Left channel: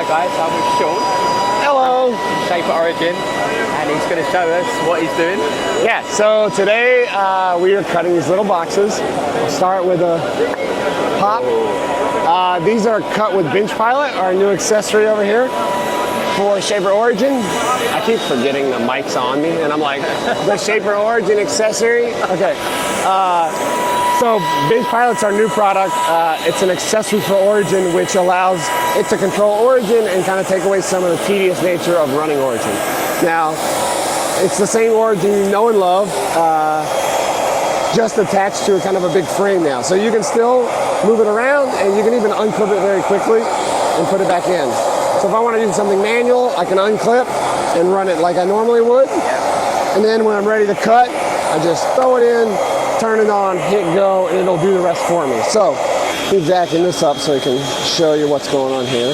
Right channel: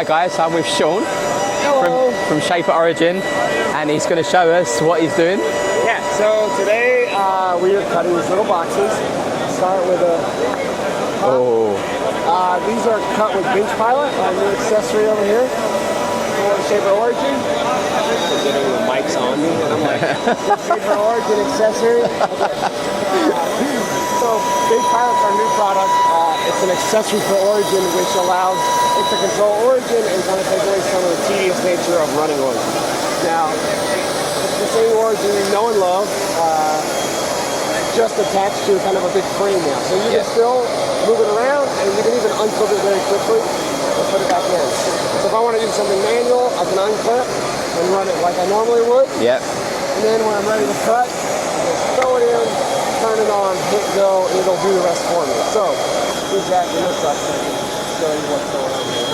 Hi guys, I'm with Sean. Hello. From Shape Origin, and he's going to show us what he's doing. Yeah, so today we are cutting these little boxes. I'll start with a pot. These are cut with Bench Pilot, our new accessory over here for Shaper Origin. I keep forgetting the mic's on me, and I'm like, the Shaper Origin accessory. Okay. So Bench Pilot's our new product. It's an accessory for Origin, which allows it to control Origin and kind of take away some of the tedious nature of running Origin. Now, it's the same Origin you know and love, just attached to kind of a big frame now. So you can still move it around, and you can even unclip it very quickly and put it back in. So if I want to do something manual, I can unclip and run it like I normally would. yeah. And then when I'm ready to cut, I just throw it in, turn it on, hit go, and it'll do the rest for me. So, we're jacking this up so I can show you what's going on here.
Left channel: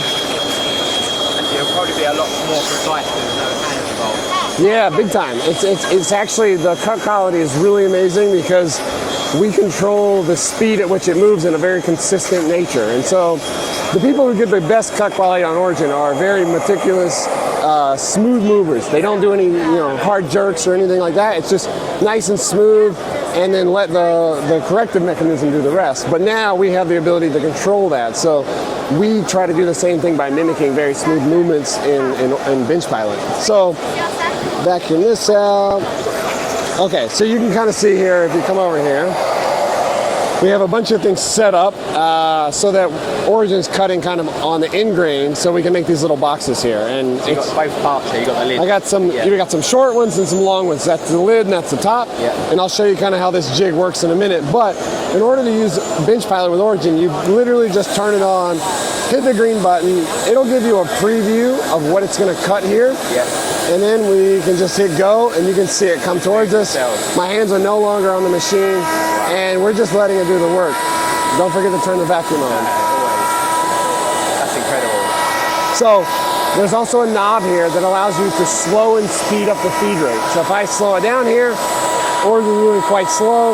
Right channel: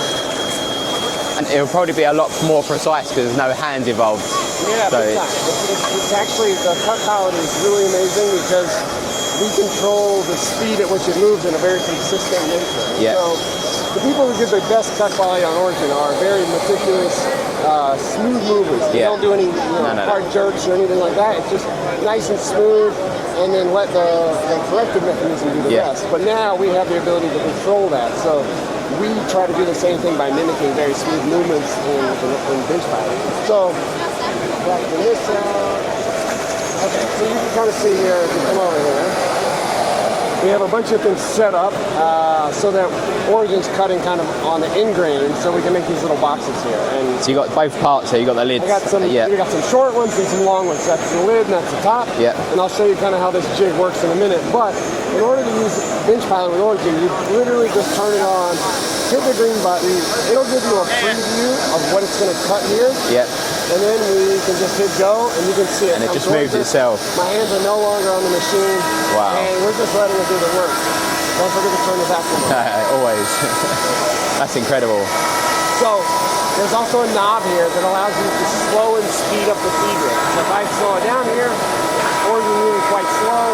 And it'll probably be a lot more precise because there's no hand involved. Yeah, big time. It's actually, the cut quality is really amazing because we control the speed at which it moves in a very consistent nature. And so, the people who give the best cut quality on Origin are very meticulous, smooth movers. They don't do any hard jerks or anything like that. It's just nice and smooth, and then let the corrective mechanism do the rest. But now we have the ability to control that. So we try to do the same thing by mimicking very smooth movements in Bench Pilot. So backing this out. Okay, so you can kind of see here, if you come over here, we have a bunch of things set up so that Origin's cutting kind of on the end grain, so we can make these little boxes here. And so you got both parts here. You got the lid. I got some. You got some short ones and some long ones. That's the lid and that's the top. Yeah. And I'll show you kind of how this jig works in a minute. But in order to use Bench Pilot with Origin, you literally just turn it on, hit the green button. It'll give you a preview of what it's going to cut here. Yeah. And then we can just hit go, and you can see it come towards us. My hands are no longer on the machine, and we're just letting it do the work. Don't forget to turn the vacuum on. Always. That's incredible. So there's also a knob here that allows you to slow and speed up the feed rate. So if I slow it down here, or you're moving quite slow,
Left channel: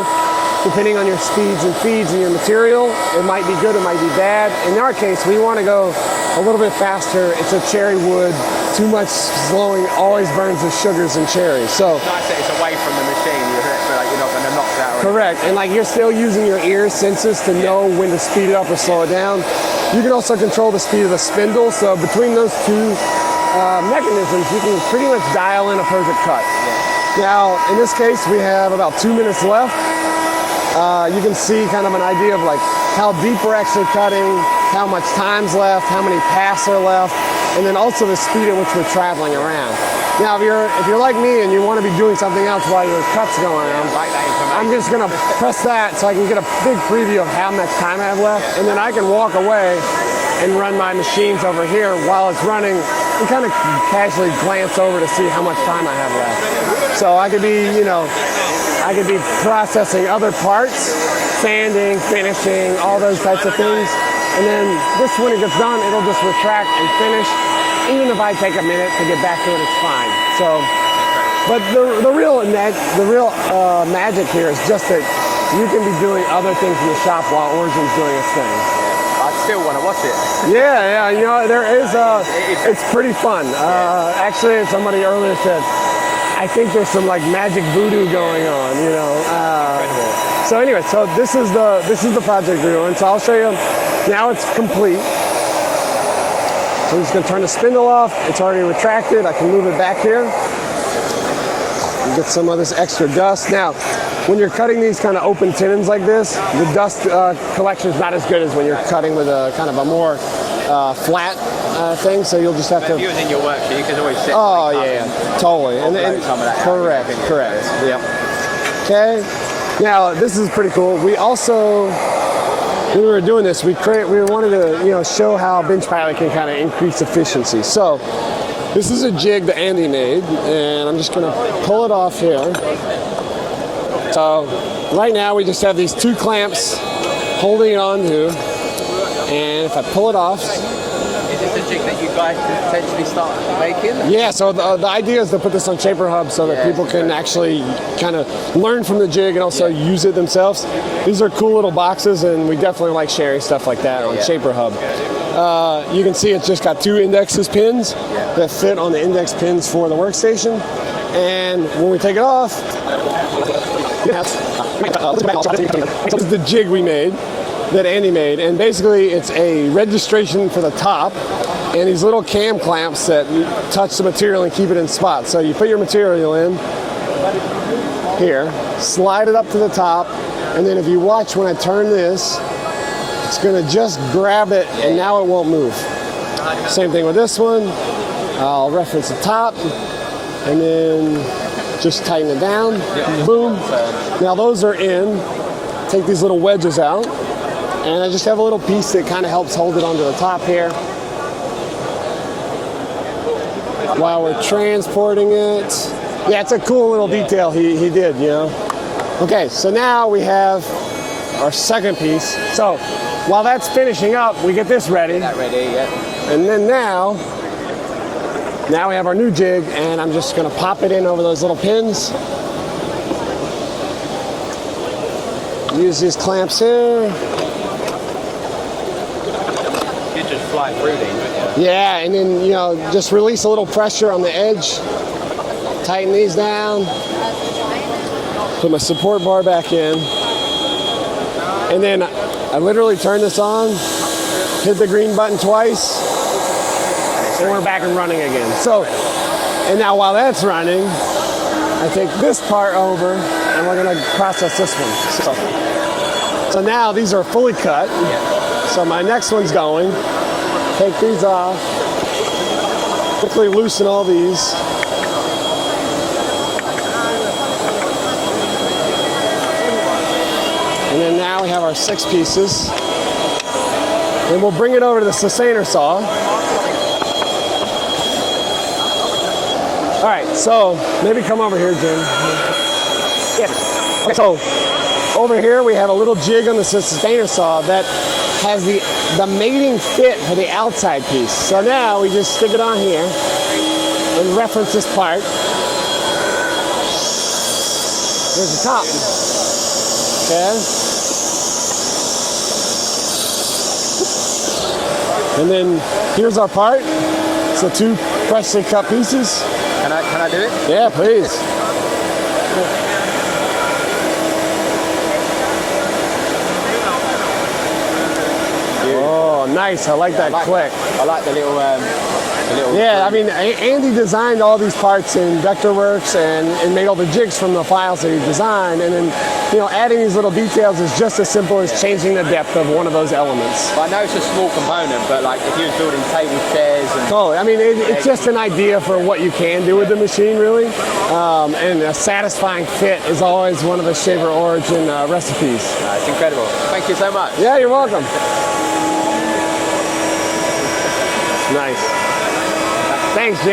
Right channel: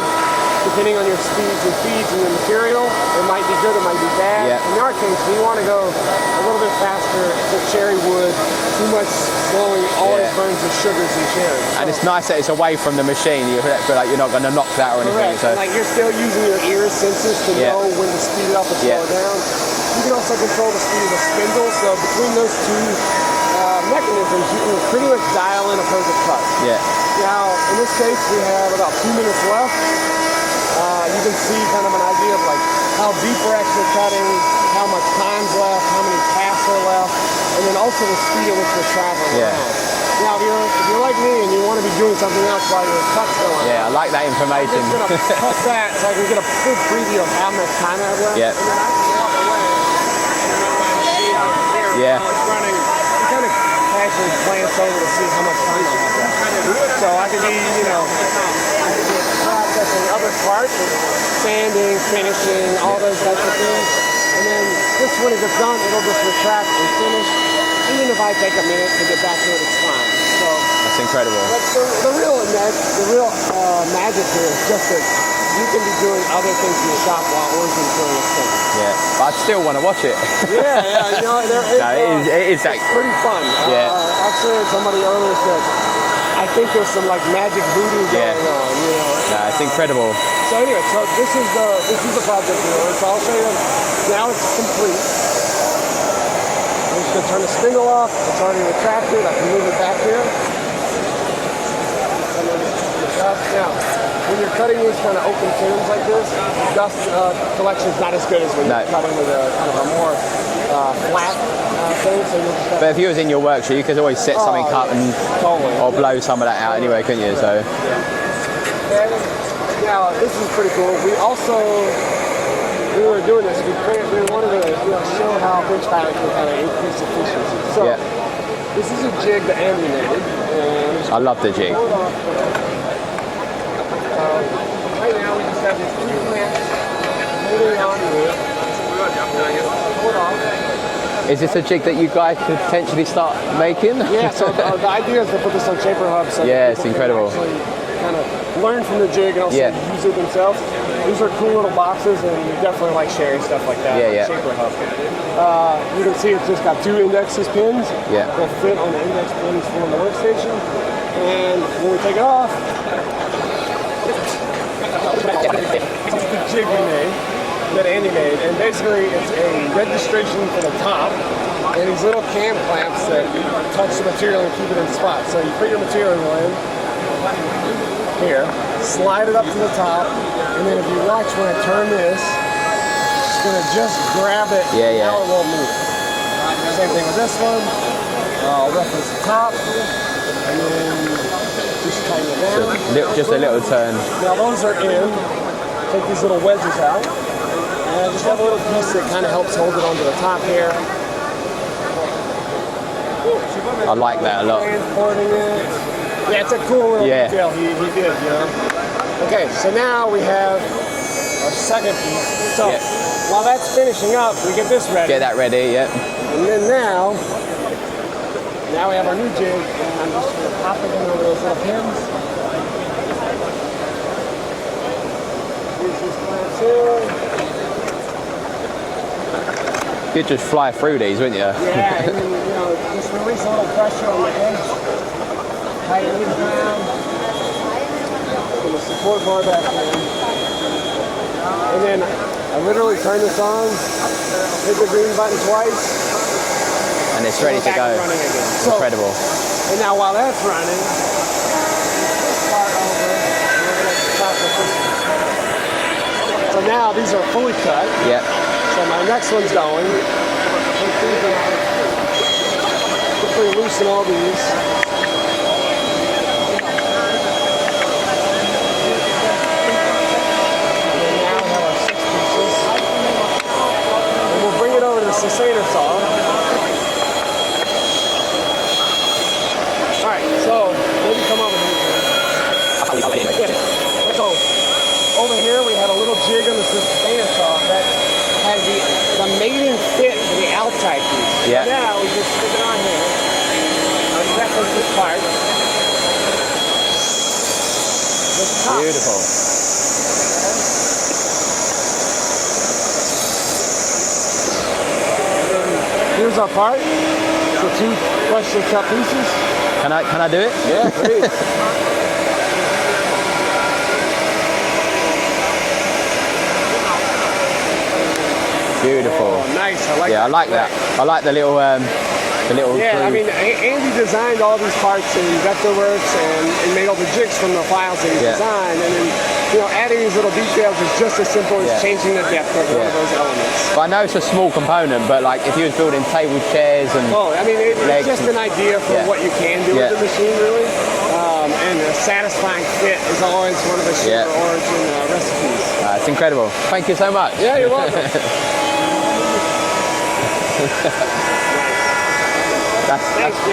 depending on your speeds and feeds and your material, it might be good, it might be bad. Yeah. In our case, we want to go a little bit faster. It's a cherry wood. Too much slowing always burns the sugars and cherries. So and it's nice that it's away from the machine. You feel like you're not going to knock that or anything. correct. And like you're still using your ear senses to know when to speed it up or slow it down. You can also control the speed of the spindle. So between those two mechanisms, you can pretty much dial in a perfect cut. Yeah. Now, in this case, we have about 2 minutes left. You can see kind of an idea of like how deep we're actually cutting, how much time's left, how many paths are left, and then also the speed at which we're traveling around. Now, if you're like me and you want to be doing something else while your cut's going on, I like that information. I'm just going to press that so I can get a big preview of how much time I have left, and then I can walk away and run my machines over here while it's running and kind of casually glance over to see how much time I have left. So I could be, I could be processing other parts, sanding, finishing, all those types of things. And then this, when it gets done, it'll just retract and finish. Even if I take a minute to get back to it, it's fine. So it's incredible. But the real magic here is just that you can be doing other things in the shop while Origin's doing its thing. Yeah. I still want to watch it. Yeah, there is. It's pretty fun. Actually, somebody earlier said, I think there's some like magic voodoo going on. It's incredible. So anyway, this is the project we're doing. So I'll show you. Now it's complete. So I'm just going to turn the spindle off. It's already retracted. I can move it back here and get some of this extra dust. Now, when you're cutting these kind of open tins like this, the dust collection is not as good as when you're cutting with a kind of a more flat thing. So you'll just have to. If you was in your workshop, you could always set something up and totally blow some of that out anyway, couldn't you? Correct. So, yeah. Okay. Now this is pretty cool. We also, when we were doing this, we wanted to show how Bench Pilot can kind of increase efficiency. So this is a jig that Andy made, and I'm just going to pull it off here. Right now we just have these two clamps holding it on here, and if I pull it off, Is this a jig that you guys could potentially start making? Yeah, so the idea is to put this on Shaper Hub so that people can actually kind of learn from the jig and also use it themselves. These are cool little boxes, and we definitely like sharing stuff like that on Shaper Hub. You can see it's just got 2 indexes pins that fit on the index pins for the workstation. And when we take it off, this is the jig we made, that Andy made, and basically it's a registration for the top and these little cam clamps that touch the material and keep it in spot. So you put your material in here, slide it up to the top, and then if you watch when I turn this, it's going to just grab it and now it won't move. Same thing with this one. I'll reference the top and then just tighten it down. Just a little turn. Now those are in. Take these little wedges out. And I just have a little piece that kind of helps hold it onto the top here. I like that. Transporting it. Yeah, it's a cool little detail he did, you know. Okay, so now we have our second piece. So while that's finishing up, we get this ready. Get that ready, And then now we have our new jig, and I'm just going to pop it in over those little pins. Use these clamps here. You'd just fly through these, wouldn't you? Yeah, and then, you know, just release a little pressure on the edge. Tighten these down. Put my support bar back in. And then I literally turn this on, hit the green button twice, and we're back and running again. So, incredible. And now while that's running, I take this part over, and we're going to process this one. So now these are fully cut. So my next one's going. Take these off. Hopefully loosen all these. And then now we have our 6 pieces. And we'll bring it over to the sustainer saw. All right, so maybe come over here, Jim. So over here we have a little jig on the sustainer saw that has the mating fit for the outside piece. So now we just stick it on here and reference this part. Here's the top. Okay. And then here's our part. So 2 freshly cut pieces. Can I do it? Yeah, please. Oh, nice. I like that. I like that. I like the little Yeah, I mean, Andy designed all these parts in Vectorworks and made all the jigs from the files that he designed. And then, you know, adding these little details is just as simple as changing the depth of one of those elements. I know it's a small component, but like if you're building table chairs and... Oh, I mean, it's just an idea for what you can do with the machine, really. And a satisfying fit is always one of the Shaver origin recipes. It's incredible. Thank you so much. Yeah, you're welcome. Nice. Thanks, Jay.